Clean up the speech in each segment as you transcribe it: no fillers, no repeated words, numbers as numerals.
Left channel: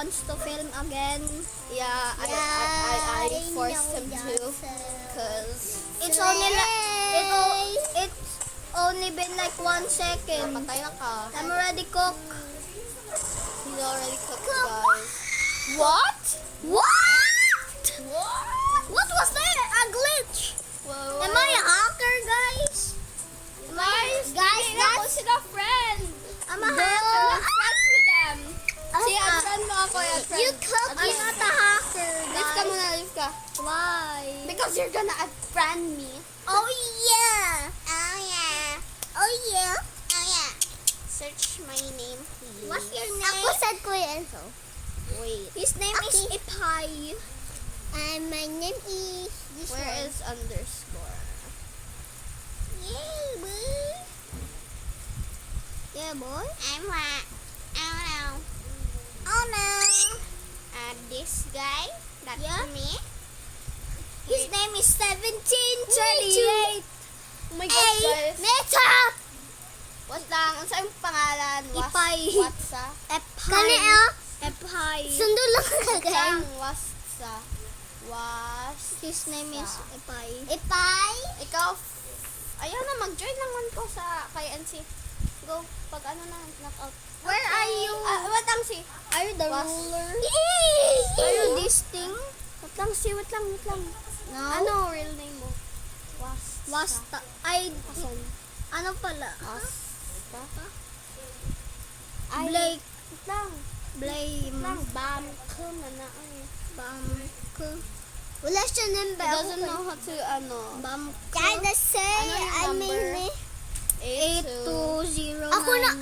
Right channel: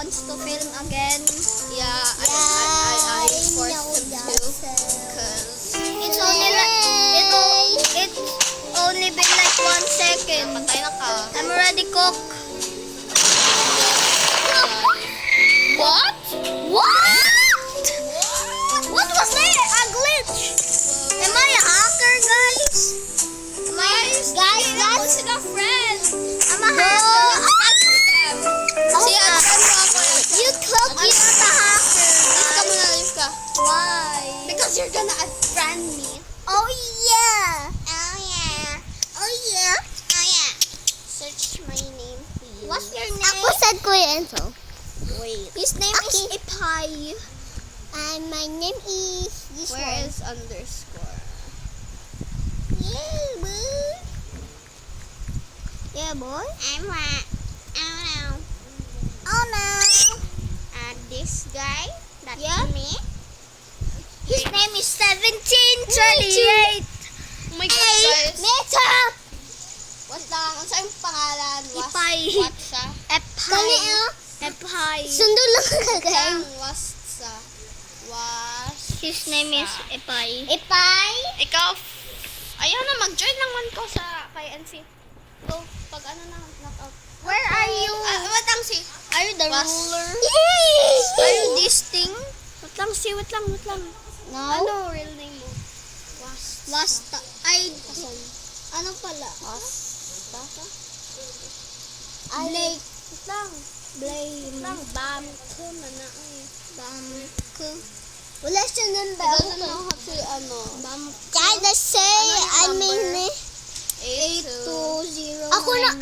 wants to film again. Yeah, I forced him to, cause It's only been like 1 second. patay na ka. I'm already cooked. What? What? What was that? A glitch? Am I a hacker, guys? Guys, sila friend. I'm a hacker. Si Adrian mo ako. You cook. I'm not a hacker, Leave ka muna, leave ka. Why? Because you're gonna unfriend me. Oh yeah. Oh yeah. Oh yeah. Oh yeah. Search my name, please. What's your name? Ako said Kuya Enzo. Wait. His name is Ipay. And my name is this Where one. is underscore? Yay, boy. Yeah, boy. I'm what? Oh no. Oh no. This guy. That's Yeah. me. His name is 1738. Oh my God, guys. Meta. What's lang? Ang saan pangalan? Ipay. What's sa? Epay. Epay. Sundo lang kagay. Sang was sa? Was. His name is Epay. Ipay. Ikaw. Ayaw na, mag-join lang man ko sa kay NC. Go, pag ano na, knockout. Where are you? What lang si? Are you the Was. ruler? Yes. Are you this thing? What lang si? What lang? No. Ano real name mo? Was. Wasta. Ay, Asan? ano pala? Basta? Blake. Wait lang. Blame. Lang, bam, ko, mana, ay. Bamk. Wala siya nun ba? Doesn't know how to, ano. Bamk. Kaya say, I Ano yung mean, number? 8209.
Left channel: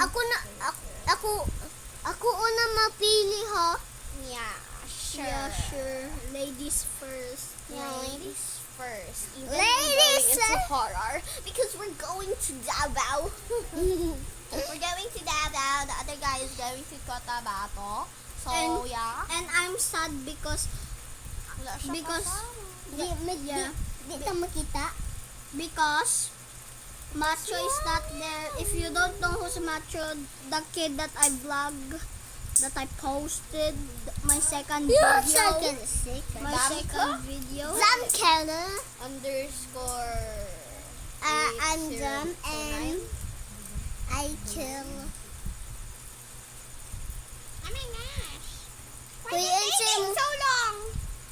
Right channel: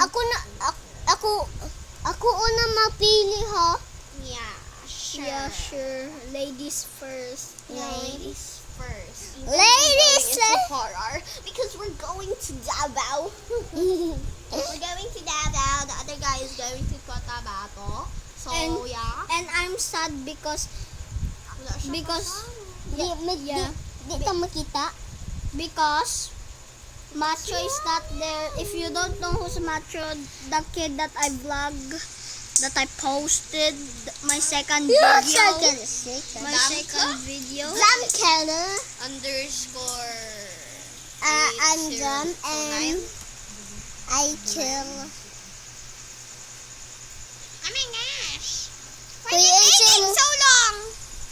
ako una mapili ha. Yeah, sure. Yeah, sure. Ladies first. Ladies first. Even Ladies going into horror because we're going to Davao. We're going to Davao. The other guy is going to Cotabato. So, And- yeah. And I'm sad because Wala siya because kasama. yeah. Di ka makita. Because Macho is not there. If you don't know who's Macho, the kid that I vlog, that I posted, my second video. My Damka? second video. Drum Keller. Underscore. And drum 8209. and I kill. Oh my gosh. Why Kuya, is it it's taking in- so long?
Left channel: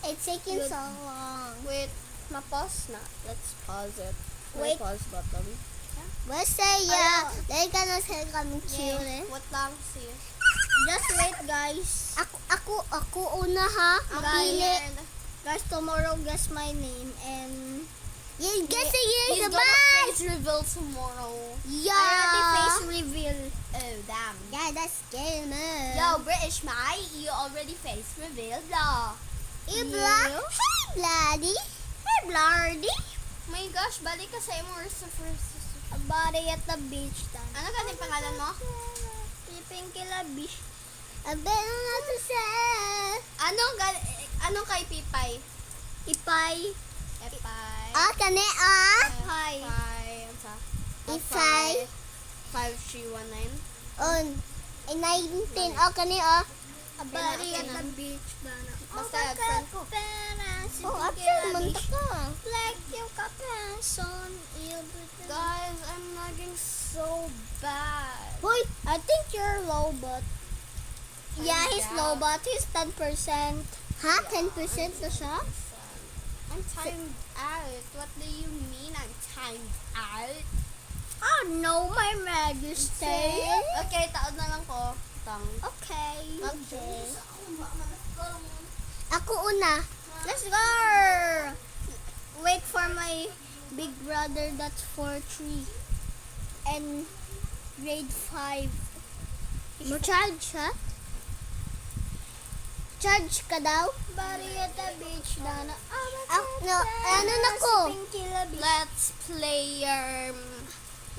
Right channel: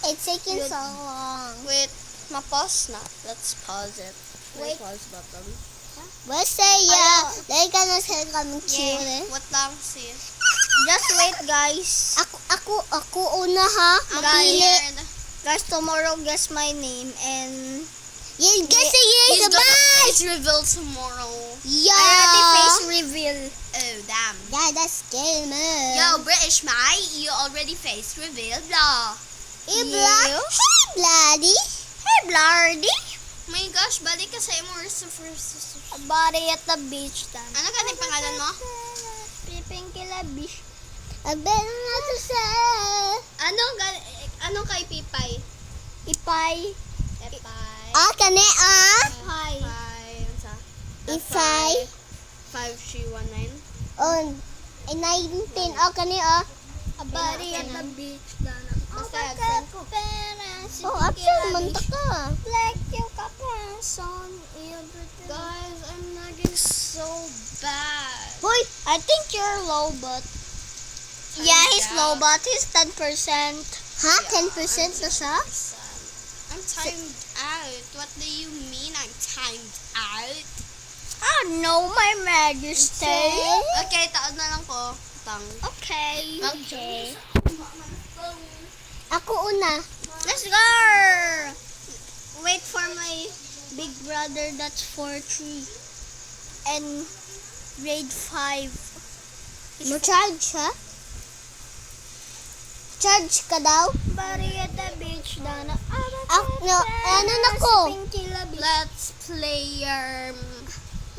It's taking Good. so long. Wait, ma-pause na. Let's pause it. Wait. Pause button. Basta yeah. Dahil ka na sa kami chill. What lang sis? Just wait, guys. Ako una ha. I'm Mapili. weird. Guys, tomorrow guess my name and Yes, kasi He's yes, gonna bye. face reveal tomorrow. Yeah. I already face reveal. Oh, damn. Yeah, that's gamer. Yo, British Mai, you already face reveal, blah. Hey, You? Hey, bloody. Hey, Blardy. My gosh, balik ka sa imo first. A body at the beach. Ano ka yung pangalan mo? Piping kila beach. Abel na to sa. Ano kay Pipay? Ipay. Epay. Oh, kani ah. Ipay. Epay. Ano sa? Ipay. 5319. On. 19. Oh, kani ah. A body at the beach. Basta absent ko. Oh, absent man ta ka. Like yung kapason. Guys, I'm lagging so bad. Hoy, I think you're low, but... Yeah, he's out. low, but he's 10%. Ha? 10% na siya? I'm timed out. What do you mean I'm timed out? Oh no, my majesty. Okay, taon na lang ko. Tang. Okay. Okay. Ako una. Let's go! Wait for my big brother that's 4-3 and grade 5. Mo charge ha? Charge ka daw? Body at the beach, Dana. Ano na ko? Let's play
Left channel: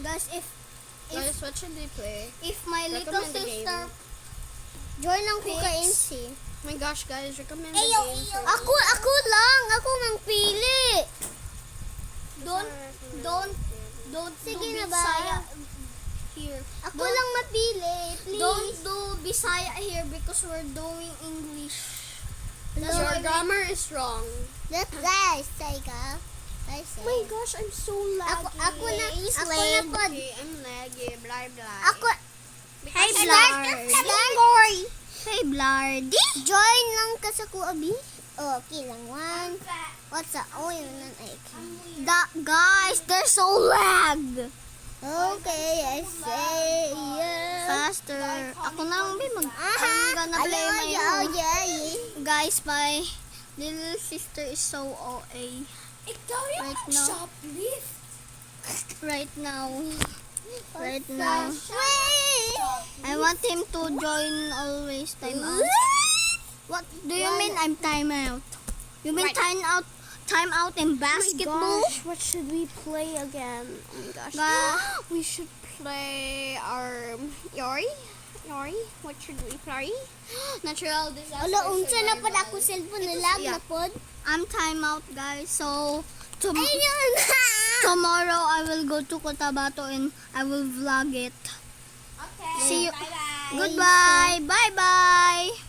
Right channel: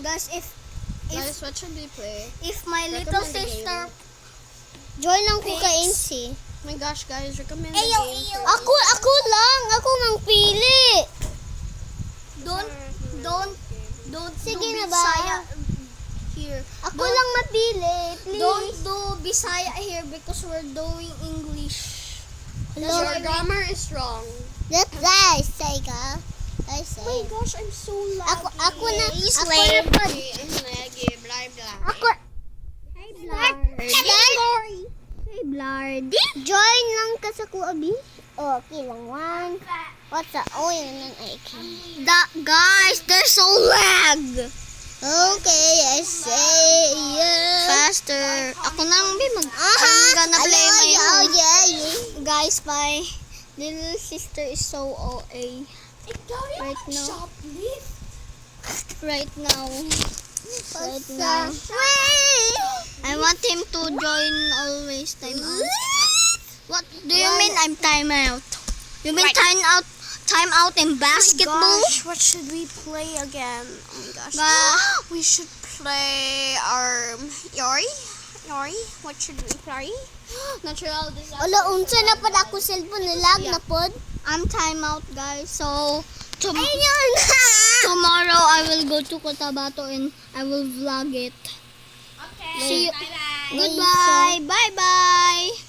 Guys, Guys, what should we play? if my little Recommend the sister... Join lang ko ka NC. Oh my gosh, guys, recommend the Ayo, game ayo. for Ako lang. Ako mang pili. Don't Sige do na big ba? saya. here. Ako lang mapili, please. Don't do Bisaya here because we're doing English. Hello. Your grammar is wrong. That's guys, Sega. I say. Oh my gosh, I'm so laggy. Ako na pa. I'm laggy, blah blah. Ako, Hey, Blard. Hey, Blard. join lang ka sa kuabi. Oh, okay lang. One. What's up? Oh, yun lang ay. Guys, they're so lag. Okay, I say yeah. Faster. Ako na ang I'm gonna play my Oh, own. yeah. Guys, my little sister is so OA. Right now. Right now. Right now. I want him to join always time out. What do you mean I'm time out? You mean time out in basketball? What should we play again? Oh my gosh. We should play our Yori. What should we play? Natural disaster. Wala, unsa na pa ako cellphone nilag na pod. I'm time out, guys. So Ayun. tomorrow I will go to Cotabato and I will vlog it. Okay. See you. Bye bye. Goodbye. Bye bye.